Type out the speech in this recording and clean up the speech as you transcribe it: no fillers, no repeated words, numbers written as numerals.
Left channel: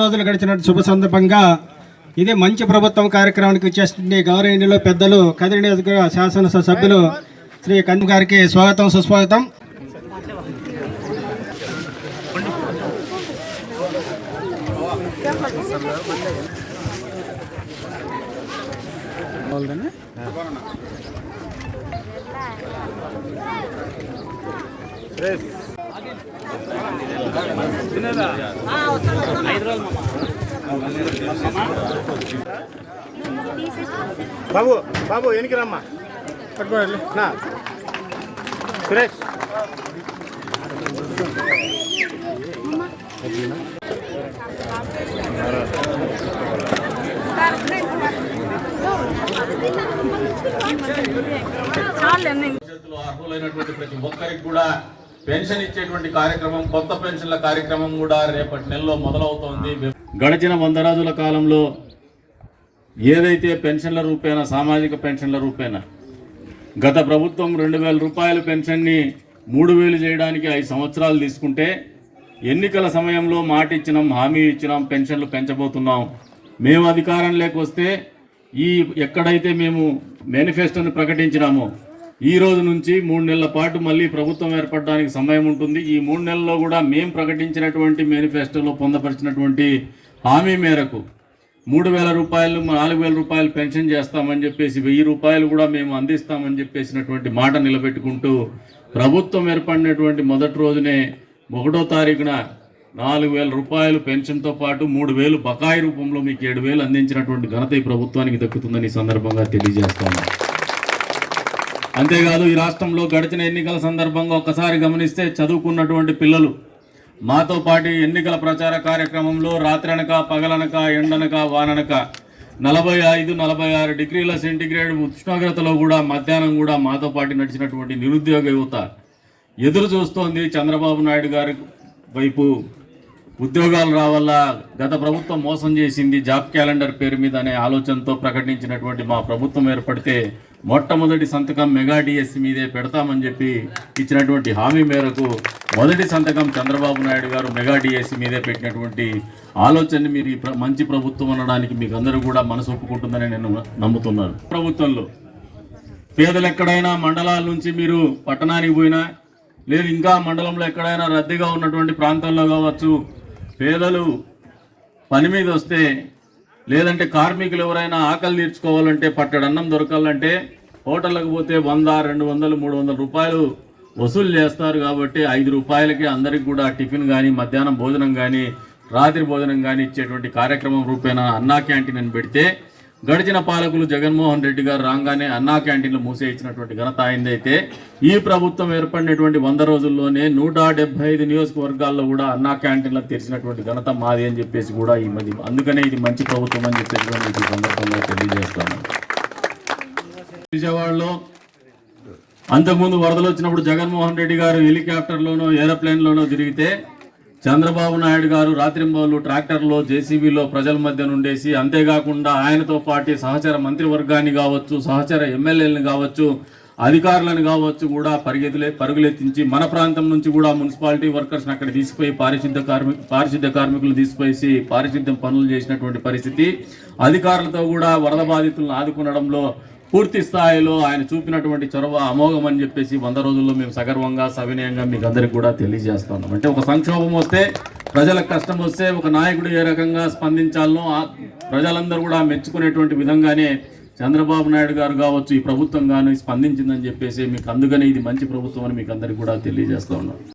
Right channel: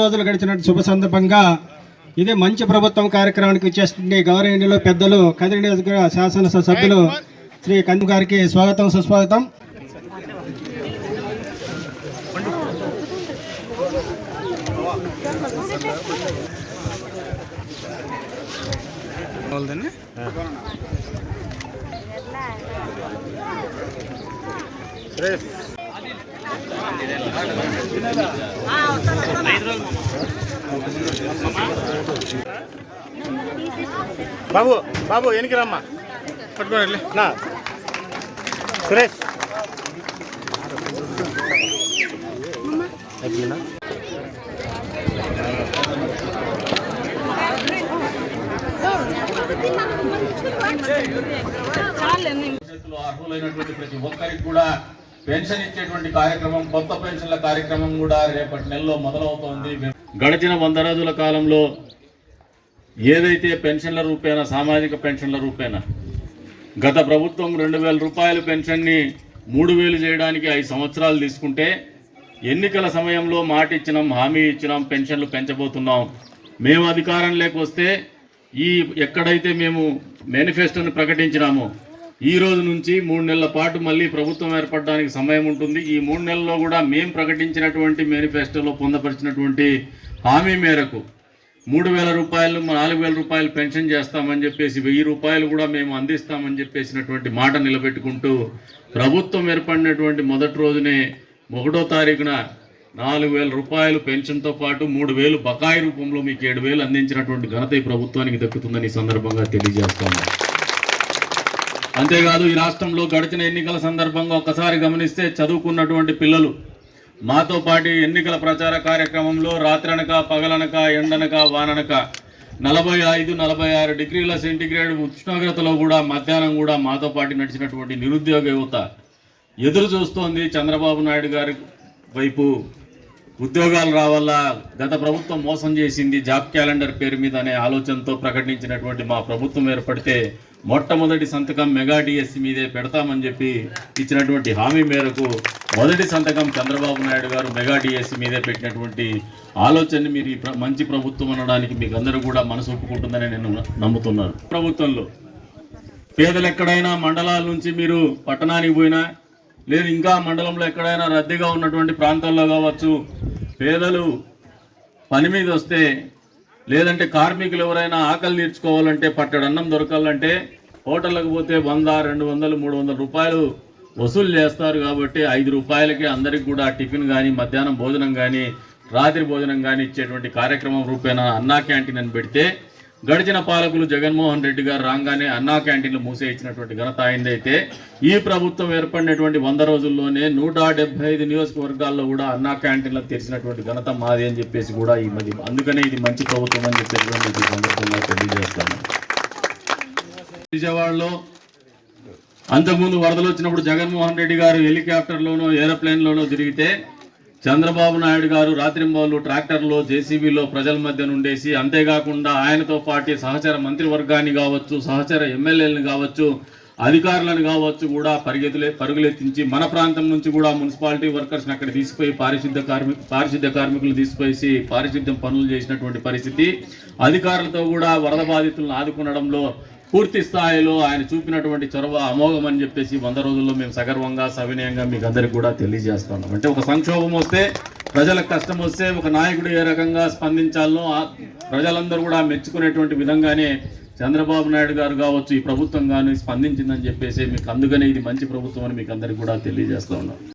రోజులు గడిచిన శుభ సందర్భంగా ఇదే మంచి ప్రభుత్వం కార్యక్రమానికి వచ్చేస్తుంది గౌరవనీయులు పెద్దలు కదిరి నియోజకవర్గ శాసనసభ సభ్యులు శ్రీ కందు గారికి స్వాగతం సుస్వాగతం. బాబు బాబు ఎనికి రమ్మా పట్టుకోండి నా సురేష్ అర్హులైనటువంటి ప్రతి ఒక్కరికి కూడా పెన్షన్ ఇచ్చేటువంటి కార్యక్రమం, కొత్త పెన్షన్ల కార్యక్రమం కూడా రేపటి నెలలో మొదలవుతోంది. గడిచిన 100 రోజుల కాలంలో ఏదైతే పెన్షన్ల రూపేణ, సామాజిక పెన్షన్ల రూపేణ గత ప్రభుత్వం 2000 రూపాయల పెన్షన్ని 3000 చేయడానికి 5 సంవత్సరాలు తీసుకుంటే, ఎన్నికల సమయంలో మాట ఇచ్చినాం, హామీ ఇచ్చినాం, పెన్షన్లు పెంచబోతున్నాం. మేము అధికారంలోకి వస్తే ఎక్కడైతే మేము మేనిఫెస్టోని ప్రకటించినామో ఈ రోజు నుంచి 3 నెలల పాటు మళ్ళీ ప్రభుత్వం ఏర్పడడానికి సమయం ఉంటుంది. ఈ 3 నెలల్లో కూడా మేము ప్రకటించినటువంటి మేనిఫెస్టోలో పొందపరిచినటువంటి హామీ మేరకు 3000 రూపాయలు, 4000 రూపాయలు పెన్షన్ చేస్తామని చెప్పేసి 1000 రూపాయలు కూడా మేము అందిస్తామని చెప్పేసినటువంటి మాట నిలబెట్టుకుంటూ ప్రభుత్వం ఏర్పడినటువంటి మొదటి రోజునే 1వ తారీఖున 4000 రూపాయలు పెన్షన్తో పాటు 3000 బకాయి రూపంలో మీకు 7000 అందించినటువంటి ఘనత ఈ ప్రభుత్వానికి దక్కుతుందని ఈ సందర్భంగా తెలియజేస్తాము. అంతేకాదు, ఈ రాష్ట్రంలో గడిచిన ఎన్నికల సందర్భంగా ఒక్కసారి గమనిస్తే చదువుకున్నటువంటి పిల్లలు మాతో పాటు ఎన్నికల ప్రచార కార్యక్రమంలో రాత్రనక, పగలనక, ఎండనక, వాననక 45-46 డిగ్రీల సెంటీగ్రేడ్ ఉష్ణోగ్రతలో కూడా మధ్యాహ్నం కూడా మాతో పాటు నడిచినటువంటి నిరుద్యోగ యువత ఎదురు చూస్తోంది. చంద్రబాబు నాయుడు గారి వైపు ఉద్యోగాలు రావాలా, గత ప్రభుత్వం మోసం చేసింది, జాబ్ క్యాలెండర్ పేరు మీద అనే ఆలోచనతో ప్రకటించినటువంటి మా ప్రభుత్వం ఏర్పడితే మొట్టమొదటి సంతకం మెగా డిఎస్సి మీదే పెడతామని చెప్పి ఇచ్చినటువంటి హామీ మేరకు మొదటి సంతకం చంద్రబాబు నాయుడు గారు మెగా డిఎస్సి మీదే పెట్టినటువంటి ఆలోచనని మీరు మంచి ప్రభుత్వం అనడానికి మీకు అందరూ కూడా మనసు ఒప్పుకుంటుందని నేను నమ్ముతున్నాను. ప్రభుత్వంలో పేదలు ఎక్కడైనా మండలాల నుంచి మీరు పట్టణానికి పోయినా, లేదు ఇంకా మండలంలో ఎక్కడైనా రద్దీగా ఉన్నటువంటి ప్రాంతాల్లో కావచ్చు, పేదలు పని మీద వస్తే, లేదంటే కార్మికులు ఎవరైనా ఆకలి తీర్చుకోవాలంటే, పట్టడన్నం దొరకాలంటే హోటళ్ళకు పోతే 100, 200, 300 రూపాయలు వసూలు చేస్తారు. కాబట్టి 5 రూపాయలకి అందరికి కూడా టిఫిన్ కానీ, మధ్యాహ్నం భోజనం కానీ, రాత్రి భోజనం కానీ ఇచ్చేటువంటి కార్యక్రమం రూపేణా అన్నా క్యాంటీన్ అని పెడితే, గడిచిన పాలకులు జగన్మోహన్ రెడ్డి గారు రాగానే అన్నా క్యాంటీన్లు మూసేయించినటువంటి ఘనత అయిందైతే, ఈ ప్రభుత్వం ఏర్పడినటువంటి 100 రోజుల్లోనే 175 నియోజకవర్గాల్లో కూడా అన్నా క్యాంటీన్లకు తెరిచినటువంటి ఘనత మాది అని చెప్పేసి కూడా ఈ మధ్య, అందుకనే ఇది మంచి ప్రభుత్వం అని చెప్పేసి ఈ సందర్భంగా తెలియజేస్తాను. విజయవాడలో అంతకుముందు వరదలు వచ్చినప్పుడు జగన్మోహన్ రెడ్డి గారు హెలికాప్టర్లోనో, ఏరోప్లేన్లోనో తిరిగితే, చంద్రబాబు నాయుడు గారు రాత్రింబౌలు ట్రాక్టర్లో, జేసీబీలో ప్రజల మధ్య నుండేసి, అంతేకాకుండా ఆయనతో పాటు సహచర మంత్రివర్గాన్ని కావచ్చు, సహచర ఎమ్మెల్యేలను కావచ్చు, అధికారులను కావచ్చు కూడా పరుగులెత్తించి మన ప్రాంతం నుంచి కూడా మున్సిపాలిటీ వర్కర్స్ని అక్కడ తీసిపోయి పారిశుద్ధ్య కార్మికులు తీసిపోయి పారిశుద్ధ్యం పనులు చేసినటువంటి పరిస్థితి. అధికారులతో కూడా వరద బాధితులను ఆదుకునడంలో పూర్తి స్థాయిలో ఆయన చూపినటువంటి చొరవ అమోఘం అని చెప్పేసి 100 రోజుల్లో మేము సగర్వంగా, సవినయంగా మీకు అందరికి కూడా తెలియజేస్తున్నాం. అంటే ఒక సంక్షోభం వస్తే, ప్రజలకు కష్టం వస్తే ఒక నాయకుడు ఏ రకంగా స్పందించాలనో ప్రజలందరూ కూడా మెచ్చుకునేటువంటి విధంగానే చంద్రబాబు నాయుడు గారు కావచ్చు, ఈ ప్రభుత్వం కానీ స్పందించిందని చెప్పేసి మీకు, అందుకనే ఇది మంచి ప్రభుత్వం అని మీకు అందరికి కూడా తెలియజేస్తా ఉన్నాం.